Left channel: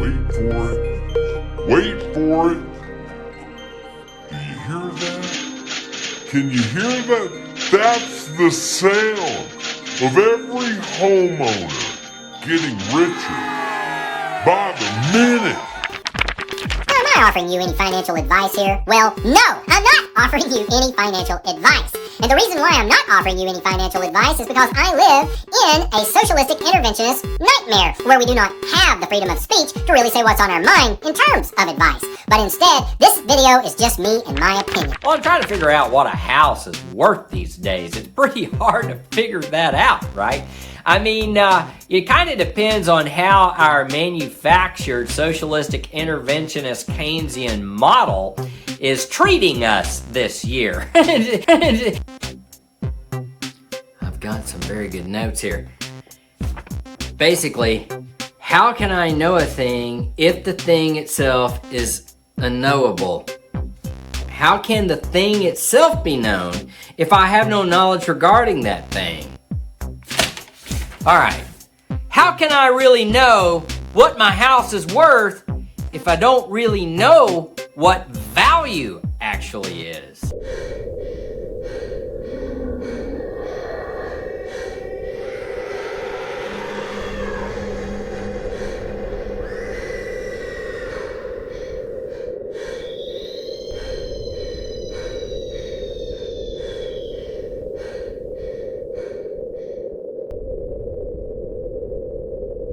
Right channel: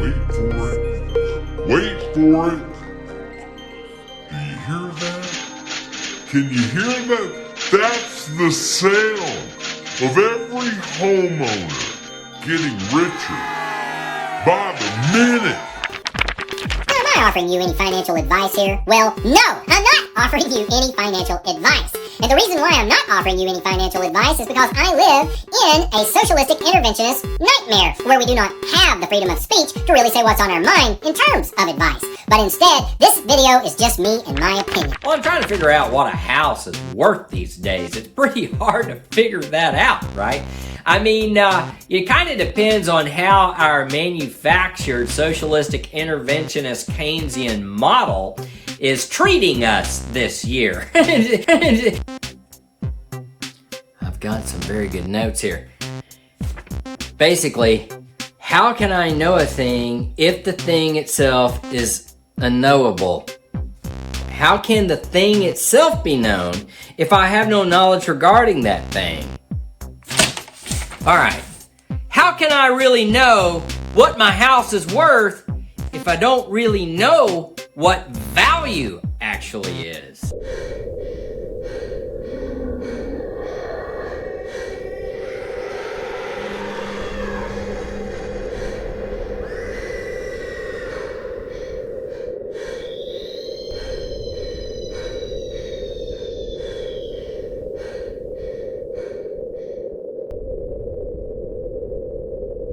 Wait for it. Wait for it. Do you hear that? Can you hear that? That's the sound of every homeowner getting richer by the minute. Am I offering you any financial advice here? Well, no, I'm not offering you any financial advice. And the reason why I'm not offering you any financial advice is because I live in a socialistic interventionist nightmare where we do not have the freedom of speech to really say what's on our mind in terms of advice. But instead, this video is just me and my opinion. Well, I'm trying to figure out what a house is worth these days. It's pretty hard to figure that out, right? I mean, it kind of depends on how our manufactured socialistic interventionist Keynesian model is treating us this year. I've got some very good notes here. Basically, how can I know a thing if the thing itself is unknowable? How can the thing itself be known if I have no knowledge regarding that thing? Alright, how can I really know what my house is worth if I don't really know what value actually is?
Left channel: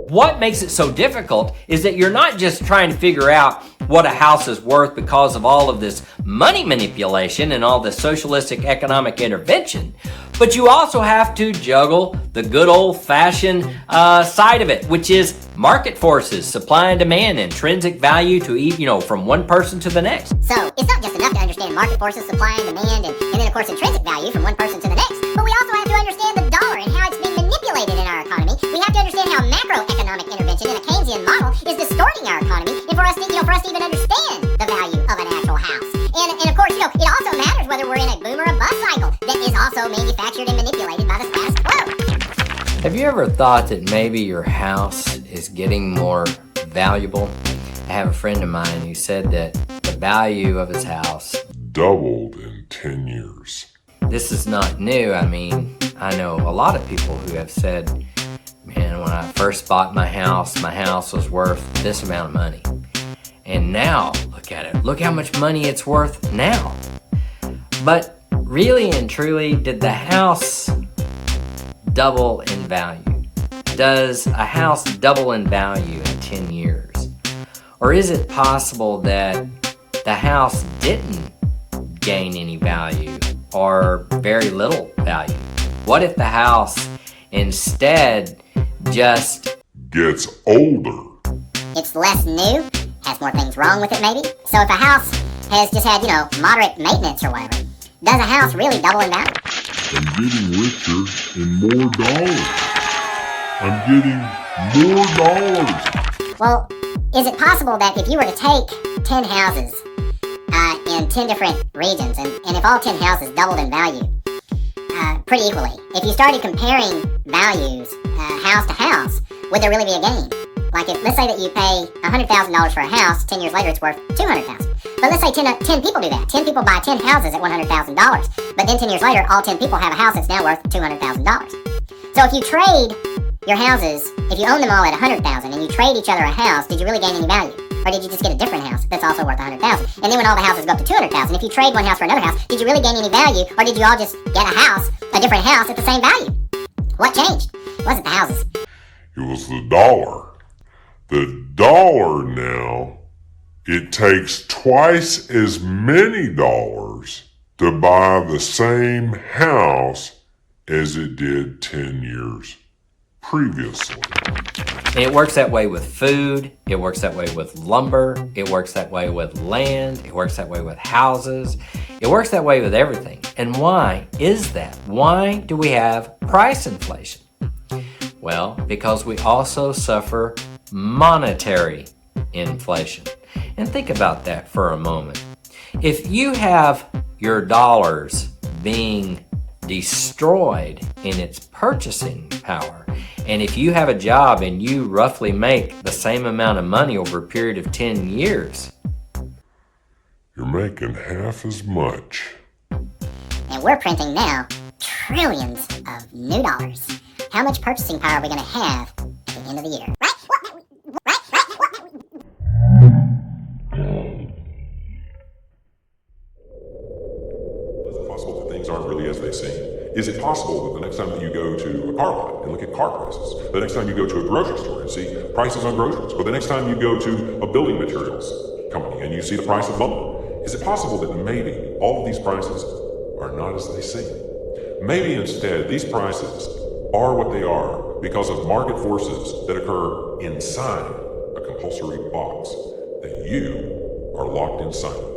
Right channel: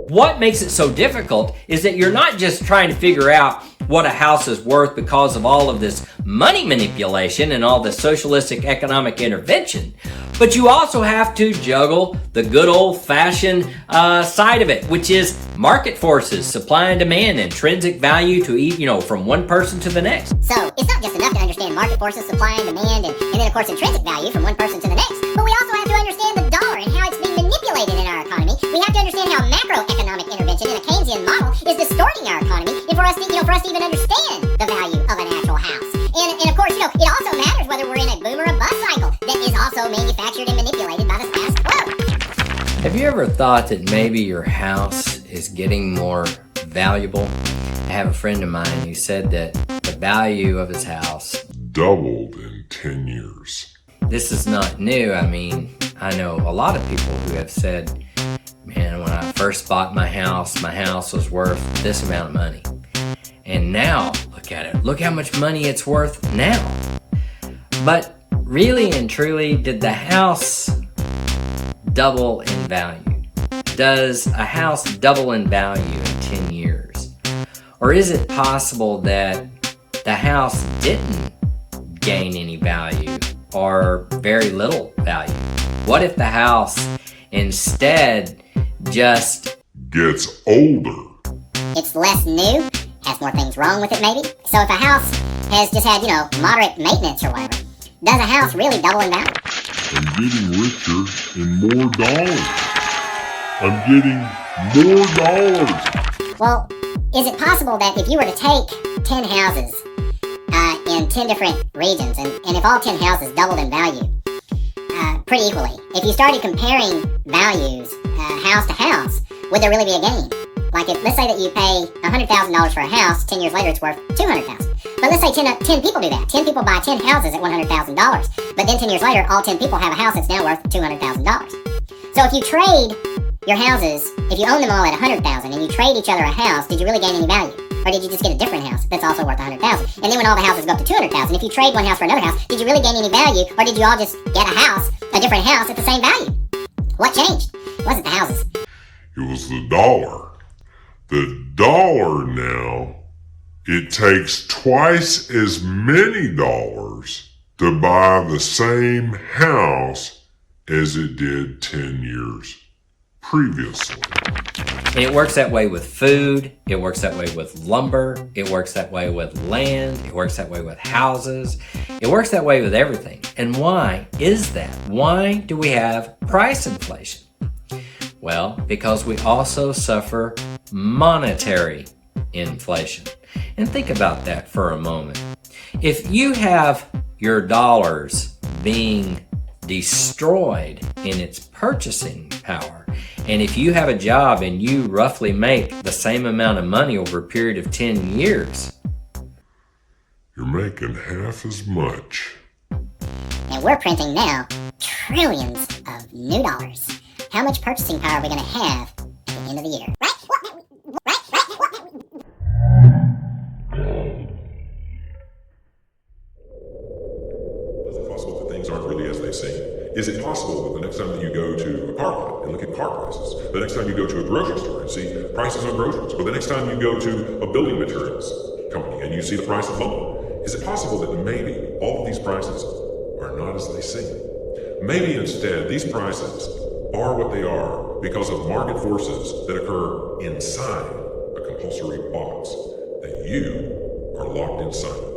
What makes it so difficult is that you're not just trying to figure out what a house is worth because of all of this money manipulation and all this socialistic economic intervention, but you also have to juggle the good old-fashioned side of it, which is market forces, supply and demand, intrinsic value to each, from one person to the next. So, it's not just enough to understand market forces, supply and demand, and then of course intrinsic value from one person to the next, but we also have to understand the dollar and how it's being manipulated in our economy. We have to understand how macroeconomic intervention in a Keynesian model is distorting our economy, and for us to even understand the value of an actual house. And of course, it also matters whether we're in a boom or a bust cycle that is also manufactured and manipulated by the status quo. Have you ever thought that maybe your house is getting more valuable? I have a friend of mine who said that the value of his house Doubled in 10 years. This is not new. I mean, I know a lot of people who have said, man, when I first bought my house was worth this amount of money. And now, look at it. Look how much money it's worth now. But really and truly, did the house double in value? Does a house double in value in 10 years? Or is it possible that the house didn't gain any value or very little value? What if the house instead just gets older? It's less new, has more things wrong with it maybe. So if a house has just had, moderate maintenance or whatever, does a house really double in value? I'm getting richer in more dollars. I'm getting more dollars. Well, is it possible that if you were to take 10 houses in 10 different regions, and if all 10 houses doubled in value pretty equally, if you started comparing values house to house, would there really be a gain? Like let's say that you pay $100,000 for a house, 10 years later it's worth $200,000. But let's say 10 people do that. 10 people buy 10 houses at $100,000. But then 10 years later, all 10 people have a house that's now worth $200,000. So if you trade your houses, if you own them all at $100,000 and you trade each other a house, did you really gain any value? Or did you just get a different house that's also worth $100,000? And then when all the houses go up to $200,000, if you trade one house for another house, did you really gain any value? Or did you all just get a different house at the same value? What changed? It wasn't the houses. It was the dollar. The dollar now, it takes twice as many dollars to buy the same house as it did 10 years previously. And it works that way with food, it works that way with lumber, it works that way with land, it works that way with houses, it works that way with everything. And why is that? Why do we have price inflation? Well, because we also suffer monetary inflation. And think about that for a moment. If you have your dollars being destroyed in its purchasing power, And if you have a job and you roughly make the same amount of money over a period of 10 years, you're making half as much. And we're printing now trillions of new dollars. How much purchasing power are we going to have at the end of the year? Is it possible that things aren't really as they seem? Is it possible that the next time that you go to a car lot and look at car prices, the next time you go to a grocery store and see prices on groceries, or the next time you go to a building materials company and you see the price of lumber, is it possible that maybe all of these prices are not as they seem? Maybe instead these prices are what they are because of market forces that occur inside a compulsory box that you are locked inside.